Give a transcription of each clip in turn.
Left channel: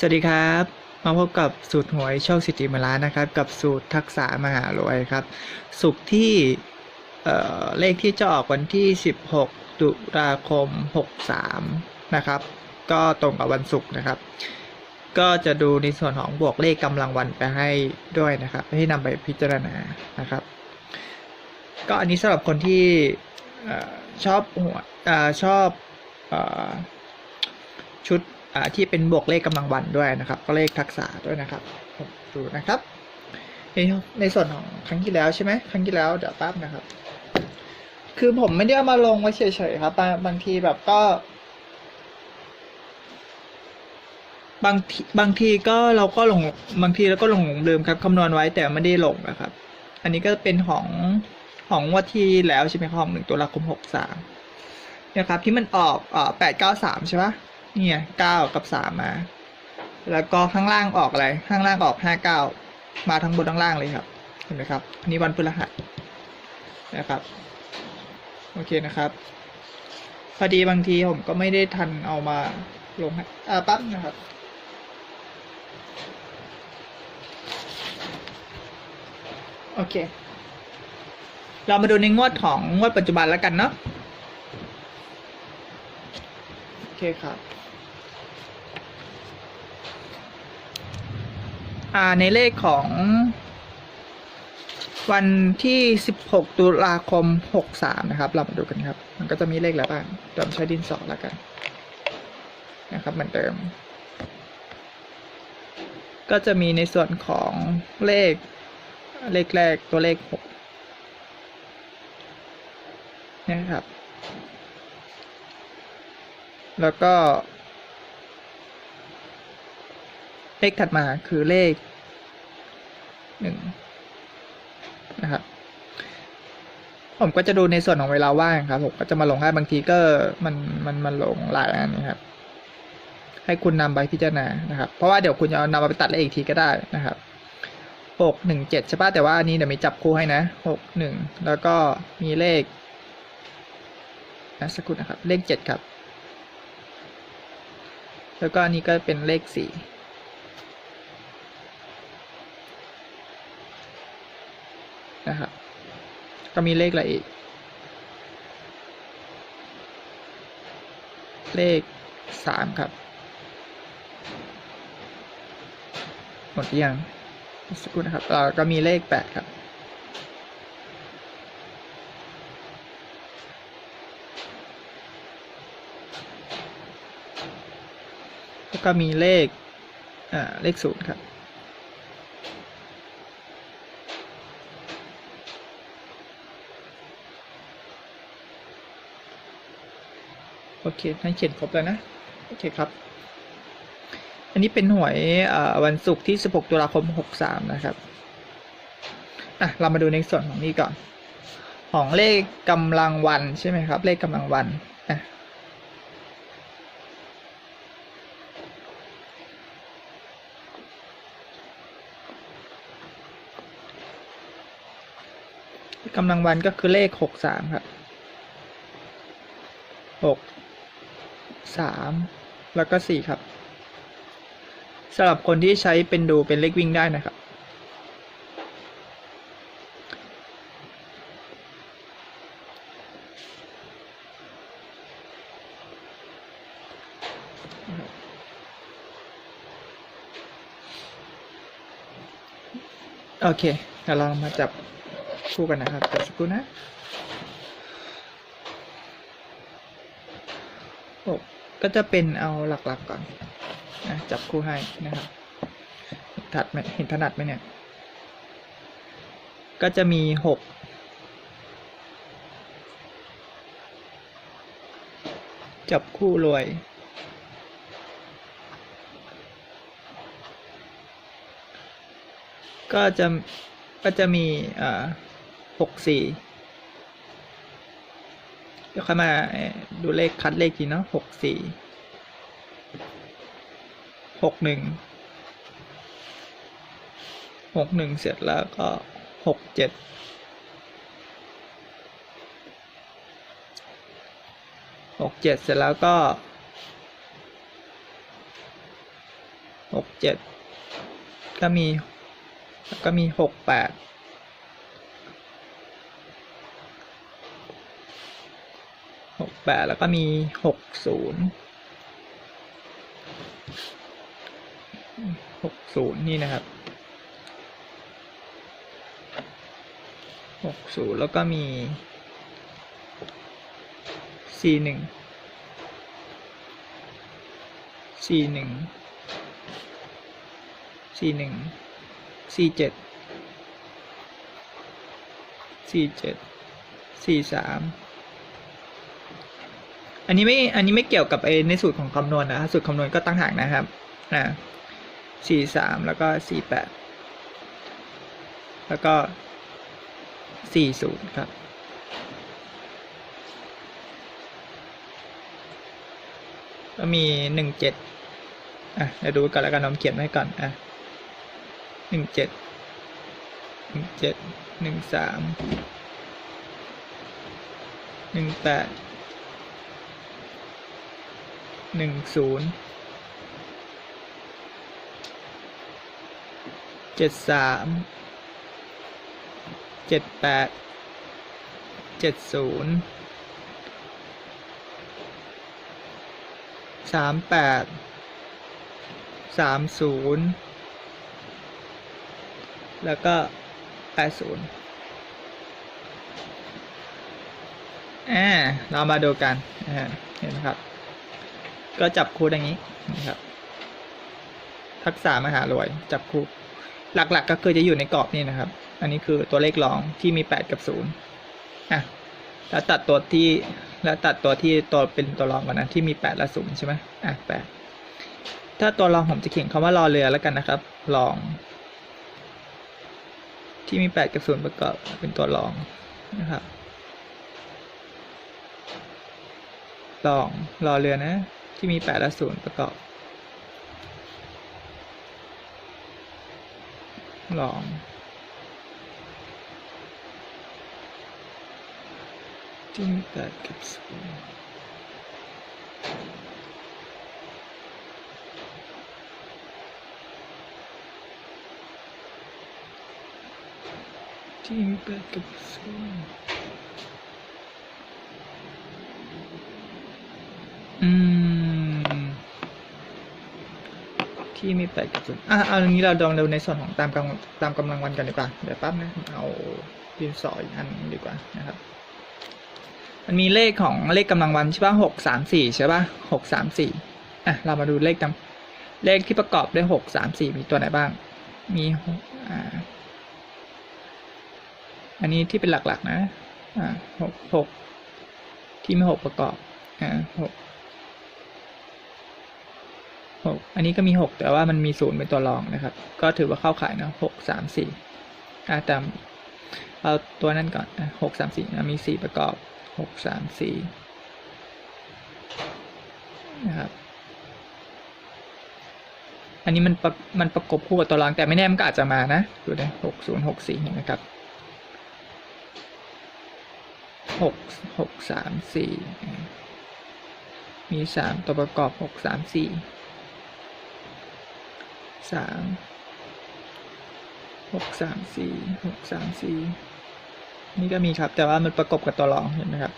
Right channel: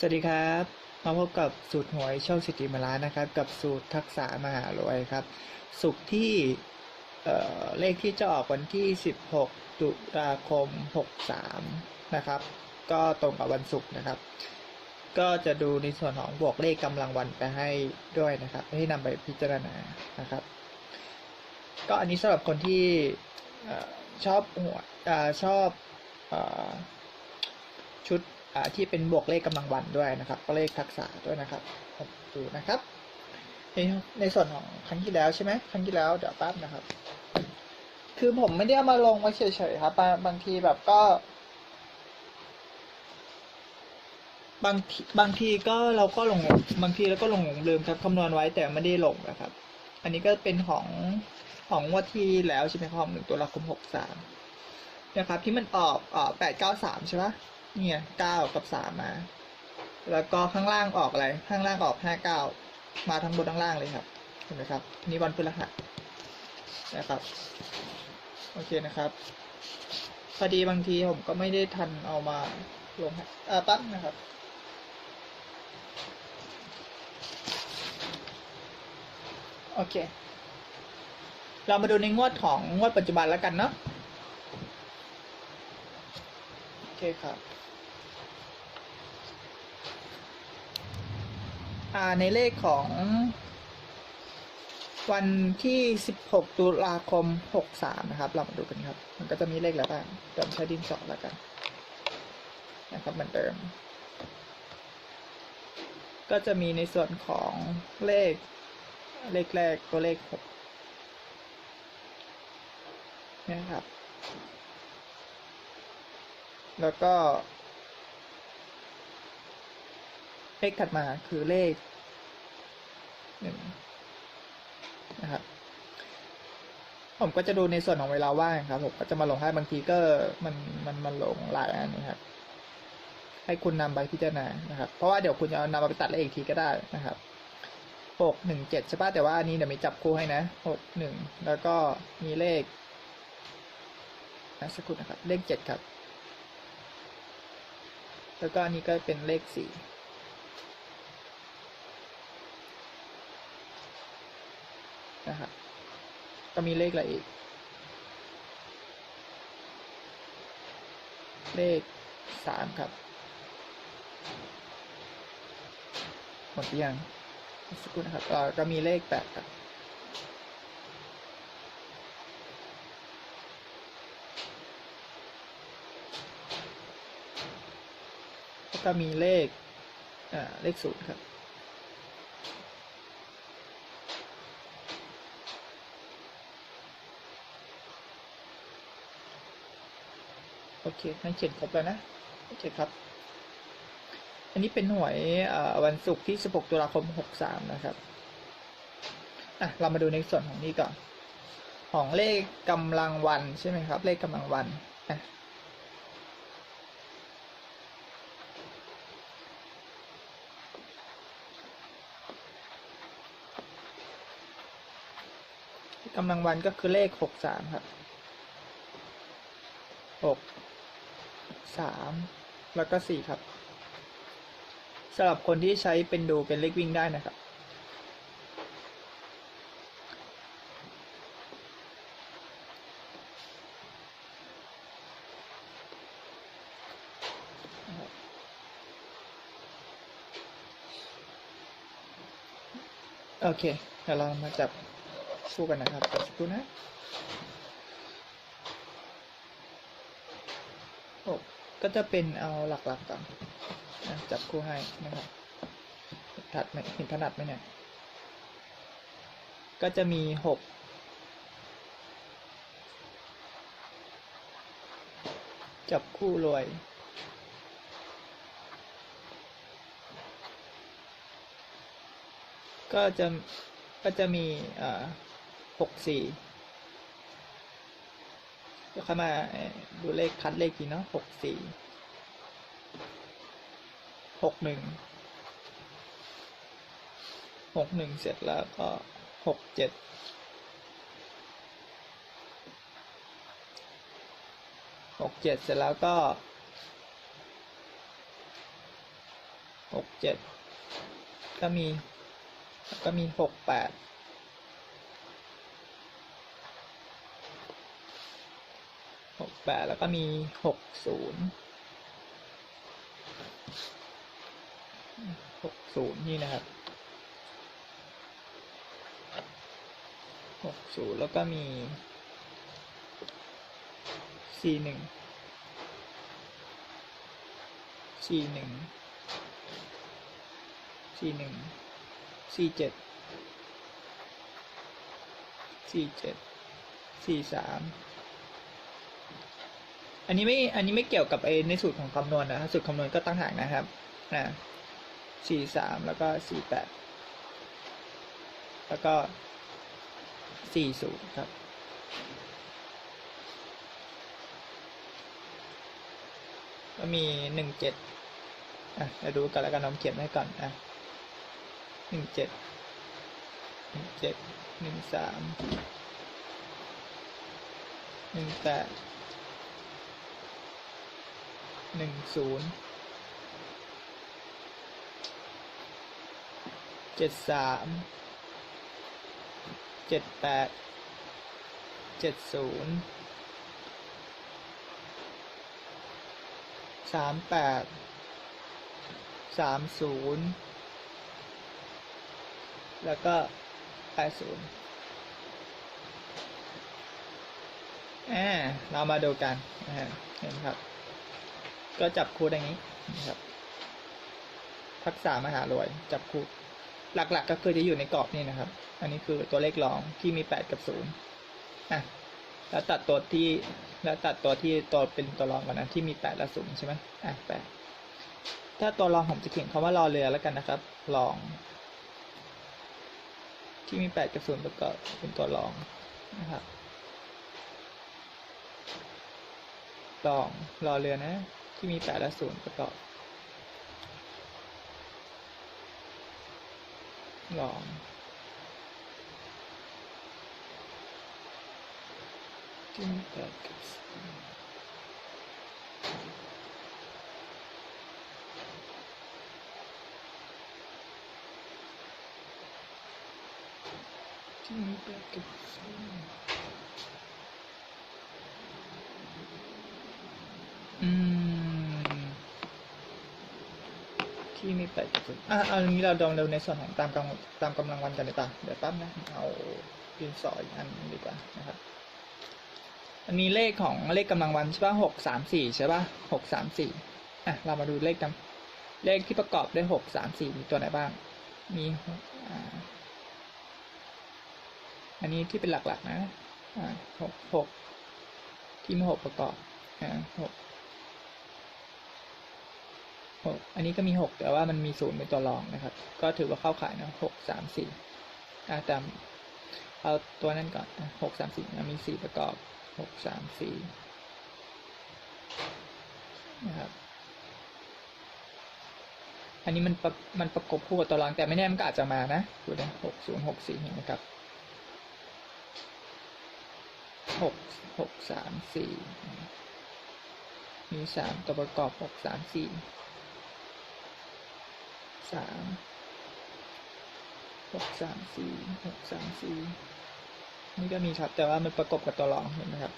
สวัสดีครับ มาพบกับสูตรหวยโชคสิทธิมาลานนะครับ กับสูตรทักษะมหารวยครับ สุขที่เเลขที่จะออกวันที่ 16 ตุลาคม 63 นะครับ ก็ตรงกับวันศุกร์นะครับ ก็จะดูในส่วนของบวกเลขกำลังวันไปให้ด้วยนะครับ ให้นำไปพิจารณานะครับ ก็อันนี้สำหรับคนที่อชอบหัวเออชอบอชุด ที่เป็นบวกเลขกำลังวันด้วยนะครับ ก็เลขทักษะด้วยนะครับดูนะครับในในส่วนของครั้งที่แล้วใช่ไหมครั้งที่แล้วเดี๋ยวแป๊บนะครับ คือผมไม่ได้เอามาลงไว้เฉยๆครับบางทีแบบก็ บางทีบางทีก็เราก็หลงบางทีเราก็หลงหลงลืมครับคำนวณไว้แต่ไม่ได้ลงนะครับ อันนี้ก็เป็นของของวันที่แล้วใช่ไหมครับของหนึ่งตุลาคมหกสามนะครับที่มันออกเอ่อแปดเก้าสามใช่ปะ เนี่ยเก้ากับสามมา แล้วก็ข้างล่างออกอะไร ข้างล่างออกห้าเก้ามาทั้งบนทั้งล่างเลยครับ เห็นไหมครับ อันนี้วันพฤหัสนะครับ โอเคนะครับ พอดีบางทีผมก็ไม่ได้ทันเอามาลงอ่าปั๊บนะครับโอเค เรามาดูในงวดของงวดปัจจุบันแล้วกันเนาะ โอเคครับ อ่า ในเลขของ วันที่ 16 ตุลาคม 63 นะครับ เรามาดูกันครับ มันก็จะมีเลขอะไรบ้างเดี๋ยวผมใช้ดินสอแล้วกัน นะครับ เหมือนเดิม ก็จะมีในส่วนของเลข เลขแรกตัวเลขหกนะครับ แล้วก็ เลขถัดมาคือเลขหนึ่งนะครับผมก็จะดูในส่วนของเวลาว่างครับผมก็จะมาลงให้บางทีก็มันมันมันลงหลายอันนะครับให้คุณนำไปพิจารณานะครับ เพราะว่าเดี๋ยวคุณจะเอานำมาไปตัดเลขอีกทีก็ได้นะครับหกหนึ่งเจ็ดใช่ป่ะแต่ว่าอันนี้เดี๋ยวมีจับคู่ให้นะหกหนึ่งแล้วก็มีเลขนะสักครู่นะครับ เลขเจ็ดครับ แล้วก็อันนี้ก็เป็นเลขสี่ นะครับก็มีเลขอะไรอีก เลขสามครับ หมดยังสกครู่นะครับเราก็มีเลขแปดครับแล้วก็มีเลข อ่า เลขศูนย์ครับ โอเคให้เขียนครบแล้วนะโอเคครับ อันนี้เป็นหวยวันศุกร์ที่ 16 ตุลาคม 63 นะครับอะเรามาดูในส่วนของนี้ก่อน ของเลขกำลังวันใช่ไหมครับ เลขกำลังวันอะกำลังวันก็คือเลข63ครับ6 3 แล้วก็ 4 ครับสำหรับคนที่ใช้เป็นดูเป็นเลขวิ่งได้นะครับ โอเคเดี๋ยวเรามาจับคู่กันนะครับเดี๋ยวสักครู่นะโอ้ ก็จะเป็นเอาหลักๆกก่อนนะจับคู่ให้นะครับถัดเห็นถนัดไหมเนี่ย ก็จะมีหกจับคู่รวย ก็จะก็จะมีอ่าหกสี่ ดี๋ยวค่อยมาดูเลขคัดเลขทีเนาะหกสี่หกหนึ่งหกหนึ่งเสร็จแล้วก็หกเจ็ดหกเจ็ดเสร็จแล้วก็หกเจ็ดก็มี ก็มีหกแปด หก แปดแล้วก็มีหกศูนย์หกศูนย์นี่นะครับหกศูนย์แล้วก็มีสี่หนึ่งสี่หนึ่งสี่หนึ่งสี่เจ็ดสี่เจ็ดสี่สาม อันนี้ไม่ อันนี้ไม่เกี่ยวกับไอในสูตรของคำนวณนะสูตรคำนวณก็ตั้งหากนะครับนะสี่สามแล้วก็สี่แปดแล้วก็สี่ศูนย์ครับ ก็มีหนึ่งเจ็ดอะเดี๋ยวดูกันแล้วกันน้องเขียนไว้ก่อนอะหนึ่งเจ็ดหนึ่งเจ็ดหนึ่งสามหนึ่งแปด หนึ่งศูนย์เจ็ดสามเจ็ดแปดเจ็ดศูนย์สามแปดสามศูนย์แล้วก็แปดศูนย์อ่าเรามาดูกันนะฮะเห็นไหมครับ ก็จับคู่อย่างนี้นะครับ ทักษะมหารวย จับคู่ หลักๆก็คือจะอยู่ในกรอบนี้นะครับ อันนี้คือตัวเลขรองที่มีแปดกับศูนย์อะแล้วตัดตัวที่ แล้วตัดตัวที่ตัวเป็นตัวรองก่อนนะที่มีแปดและศูนย์ใช่ไหมอะแปดถ้าตัวรองผมจะเขียนคำว่ารอเรือแล้วกันนะครับรอง ที่มีแปดกับศูนย์ประกอบเป็นตัวรองนะครับรองรอเรือนะ ที่มีแปดและศูนย์ประกอบ ลองที่มีแปดกับศูนย์ที่มีแปดกับศูนย์ ที่มีแปดกับศูนย์อะเอาอย่างนี้เราลองดูในส่วนของตามกำลังตามกำลังวันกันดีกว่าเดี๋ยวแป๊บนะเอาดินสออีกอันดีกว่านะครับ มันมีเลขของเลขกำลังวันใช่ป่ะหกสามสี่ใช่ป่ะหกสามสี่อะเรามาดูเลขตามเลขที่ประกอบด้วยหกสามสี่มีตัวไหนบ้าง มีอ่าอันนี้ที่เป็นหลักๆนะอ่าหกหกที่มีหกประกอบอ่าหก หกอันนี้ก็มีหกแต่ว่ามันมีศูนย์เป็นตัวรองนะครับ ก็ถือว่าเข้าขายนะหกสามสี่อ่าแต่เอาตัวนั้นก่อนหกสามสี่มีสี่ประกอบหกสามสี่นะครับ อันนี้มันมันประกบคู่กับตัวรองแต่ไม่แน่มันก็อาจจะมานะดูนะหกศูนย์หกสี่เห็นไหมครับหกหกสามสี่มีสามตัวประกอบหกสามสี่ สามหกสามสี่หกสามสี่นี่ก็มีครับ แต่ว่ามันประกบกับตัวรองเห็นไหมครับ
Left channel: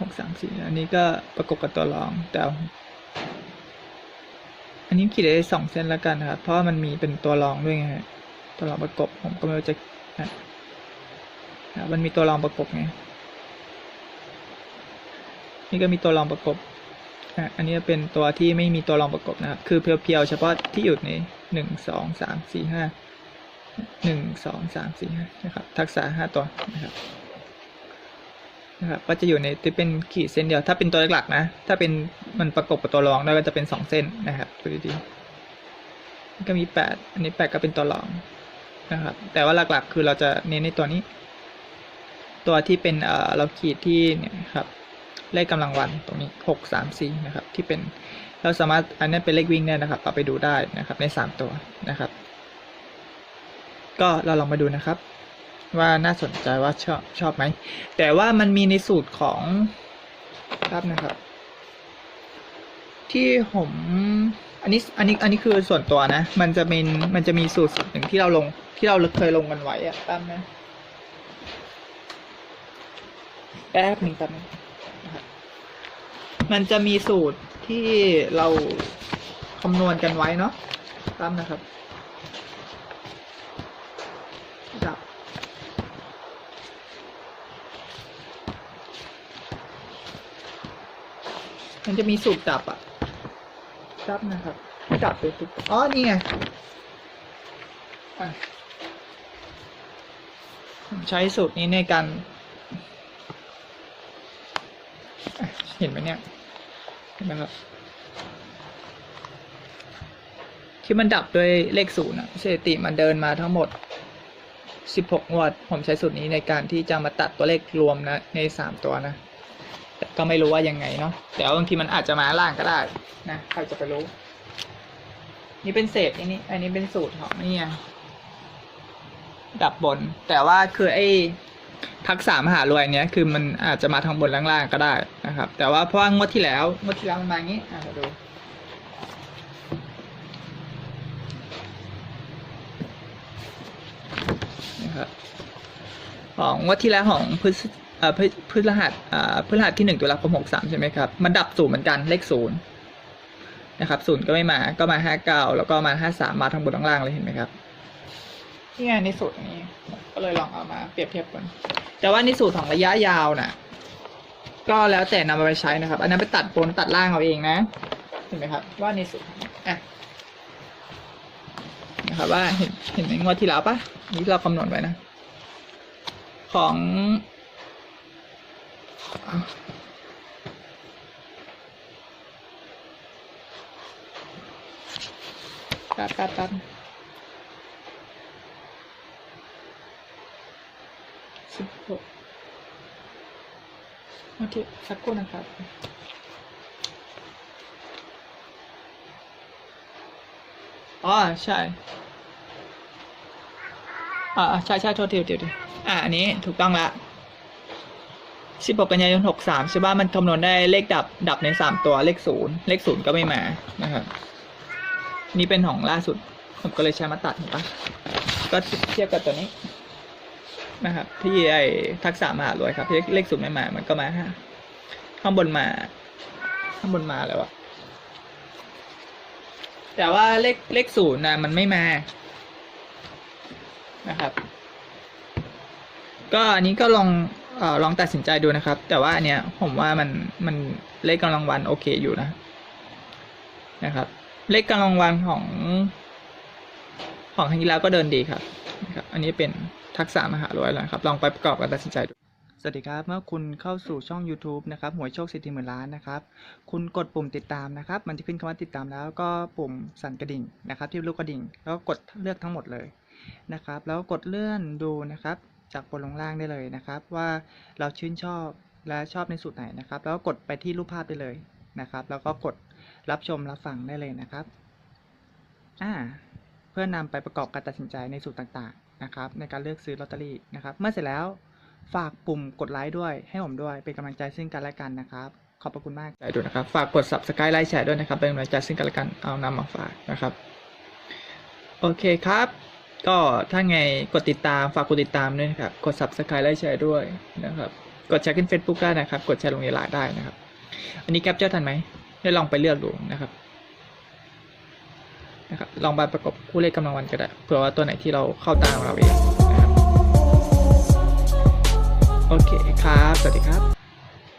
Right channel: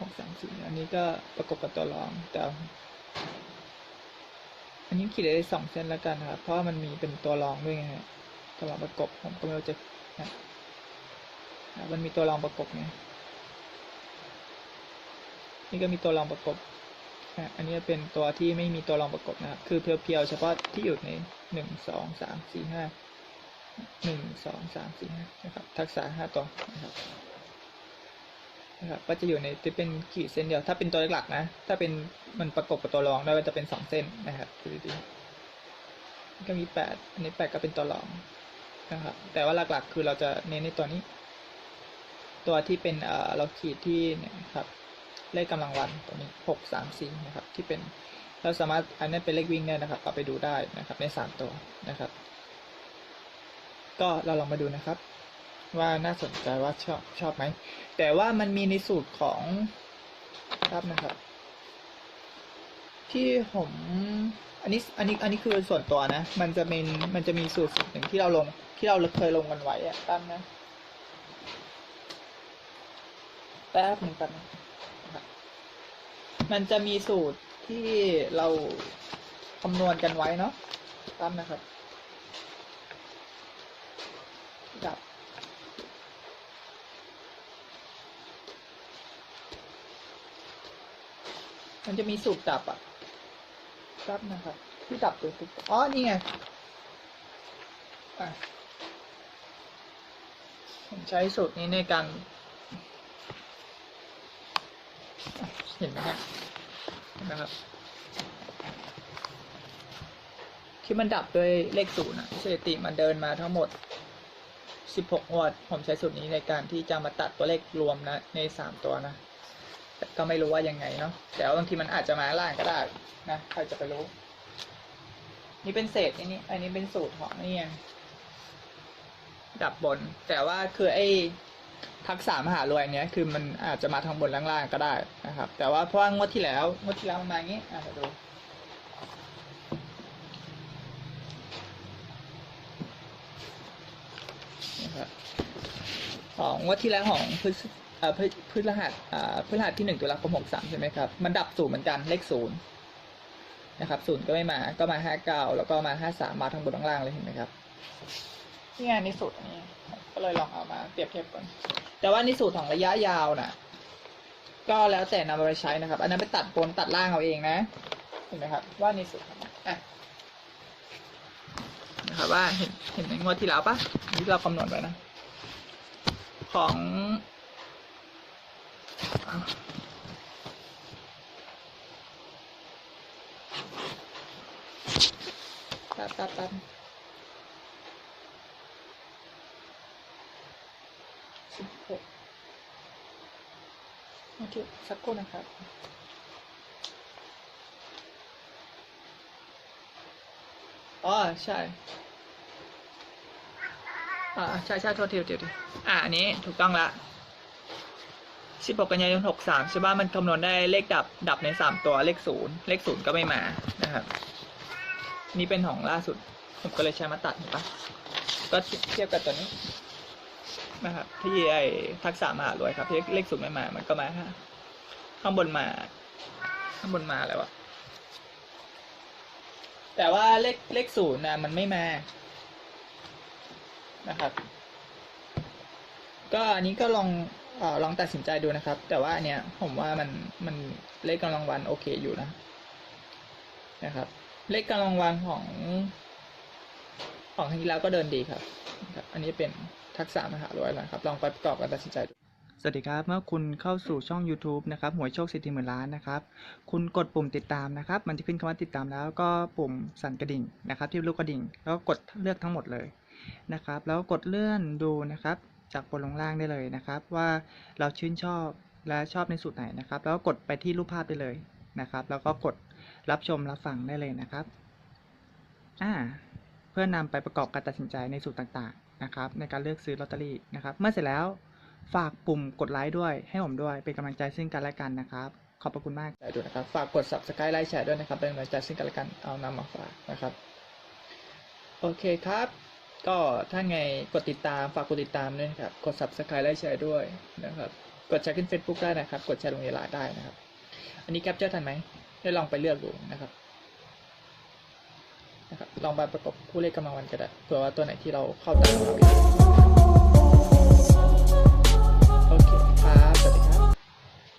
หกสามสี่อันนี้ก็ประกบกับตัวรองแต่อันนี้ขีดได้สองเส้นแล้วกันนะครับ เพราะมันมีเป็นตัวรองด้วยไงตัวรองประกบผมก็ไม่รู้จะอะมันมีตัวรองประกบไงนี่ก็มีตัวรองประกบ อะอันนี้เป็นตัวที่ไม่มีตัวรองประกบนะครับ คือเพียวๆเฉพาะที่อยู่ในหนึ่งสองสามสี่ห้าหนึ่งสองสามสี่ห้านะครับ ทักษะห้าตัวนะครับนะครับก็จะอยู่ในที่เป็นขีดเส้นเดียว ถ้าเป็นตัวหลักๆนะ ถ้าเป็นมันประกบกับตัวรองแล้วก็จะเป็นสองเส้นนะครับดูดีๆก็มีแปดอันนี้แปดก็เป็นตัวรองนะครับ แต่ว่าหลักๆ คือเราจะเน้นในตัวนี้ ตัวที่เป็นเอ่อเราขีดที่เนี่ยครับ เลขกำลังวันตรงนี้หกสามสี่นะครับที่เป็นเราสามารถอันนี้เป็นเลขวิ่งได้นะครับเอาไปดูได้นะครับในสามตัวนะครับ ก็เราลองมาดูนะครับ ว่าน่าสนใจว่าชอบชอบไหมแต่ว่ามันมีในสูตรของครับนะครับ ที่ผมอันนี้อันนี้อันนี้คือส่วนตัวนะ มันจะเป็นมันจะมีสูตรสูตรหนึ่งที่เราลงที่เราเคยลงกันไว้อะแป๊บนะแป๊บหนึ่งแป๊บนึงน มันจะมีสูตรที่เราคำนวณกันไว้เนาะแป๊บนะครับ ดับ มันจะมีสูตรดับอะดับนะครับดับไปทุกอ๋อ นี่ไงผมใช้สูตรนี้ในการ เห็นไหมเนี่ย เห็นไหมครับที่มันดับด้วยเลขศูนย์อะสถิติมันเดินมาทั้งหมด 16งวดผมใช้สูตรนี้ในการที่จะมาตัดตัวเลขรวมนะ ใน 3 ตัวนะ แต่ก็ไม่รู้ว่ายังไงเนาะแต่บางทีมันอาจจะมาล่างก็ได้นะใครจะไปรู้ นี่เป็นเศษอันนี้ อันนี้เป็นสูตรของนี่ดับบน แต่ว่าคือไอ้ ทักษะมหารวยเนี้ยคือมันอาจจะมาทางบนล่างๆก็ได้นะครับ แต่ว่าเพราะงวดที่แล้วงวดที่แล้วมันมาอย่างนี้อะเราดูนะครับของงวดที่แล้วของพฤษพฤหัสพฤหัสที่หนึ่งตุลาคมหกสามใช่ไหมครับ มันดับศูนย์เหมือนกันเลขศูนย์นะครับศูนย์ก็ไม่มาก็มาห้าเก้าแล้วก็มาห้าสามมาทั้งบนทั้งล่างเลยเห็นไหมครับ นี่ไงในสูตรนี้ ก็เลยลองเอามาเปรียบเทียบกัน แต่ว่าในสูตรของระยะยาวน่ะ ก็แล้วแต่นำไปใช้นะครับ อันนั้นไปตัดบนตัดล่างเอาเองนะเห็นไหมครับ ว่าในสูตรอะนะครับว่าเห็นเห็นในงวดที่แล้วปะนี่เราคำนวณไว้นะ ของอะแป๊บแป๊บแป๊บสิบหก มาที่สักครู่นะครับอ๋อใช่อ่าใช่ใช่โทษทีโทษทีโทษทีอ่าอันนี้ถูกต้องละสิบหกกันยายนหกสามใช่ป่ะมันคำนวณได้เลขดับดับในสามตัวเลขศูนย์เลขศูนย์ก็ไม่มานะครับนี่เป็นของล่าสุด ผมก็เลยใช้มาตัดเห็นปะก็เทียบกับตัวนี้ นะครับ ที่ไอ้ทักษะมหารวยครับที่เลขศูนย์ไม่มา มันก็มาห้าข้างบนมา ข้างบนมาแล้วอะแต่ว่าเลขเลขศูนย์นะมันไม่มานะครับ ก็อันนี้ก็ลองออลองตัดสินใจดูนะครับ แต่ว่าอันเนี้ยผมว่ามันมันเลขกำลังวันโอเคอยู่นะนะครับ เลขกำลังวันของของทางกีฬาก็เดินดีครับนะครับอันนี้เป็น ทักษะมหารวยแล้วนะครับ ลองไปประกอบกันตัดสินใจดูสวัสดีครับ เมื่อคุณเข้าสู่ช่อง YouTube นะครับหวยโชคสิทธิหมื่นล้านนะครับคุณกดปุ่มติดตามนะครับ มันจะขึ้นคำว่าติดตามแล้วก็ปุ่มสั่นกระดิ่งนะครับ ที่รูปกระดิ่ง แล้วก็กดเลือกทั้งหมดเลยนะครับ แล้วกดเลื่อนดูนะครับ จากบนลงล่างได้เลยนะครับ ว่าเราชื่นชอบและชอบในสูตรไหนนะครับ แล้วก็กดไปที่รูปภาพได้เลยนะครับ แล้วก็กดรับชมรับฟังได้เลยนะครับอ่าเพื่อนำไปประกอบการตัดสินใจในสูตรต่างๆ นะครับในการเลือกซื้อลอตเตอรี่นะครับ เมื่อเสร็จแล้วฝากปุ่มกดไลค์ด้วยให้ผมด้วยเป็นกำลังใจซึ่งกันและกันนะครับขอบพระคุณมากใจด้วยนะครับ ฝากกด subscribe ไลค์แชร์ด้วยนะครับเป็นกำลังใจซึ่งกันและกันเอานำมาฝากนะครับ โอเคครับ ก็ถ้าไงกดติดตามฝากกดติดตามด้วยนะครับ กด subscribe ไลค์แชร์ด้วยนะครับ กดแชร์ขึ้น Facebook ได้นะครับ กดแชร์ลงในไลน์ได้นะครับ อันนี้แคปเจอร์ทันไหมได้ลองไปเลือกดูนะครับ นะครับลองไปประกบคู่เลขกำลังวันก็ได้เผื่อว่าตัวไหนที่เราเข้าตามเราเองนะ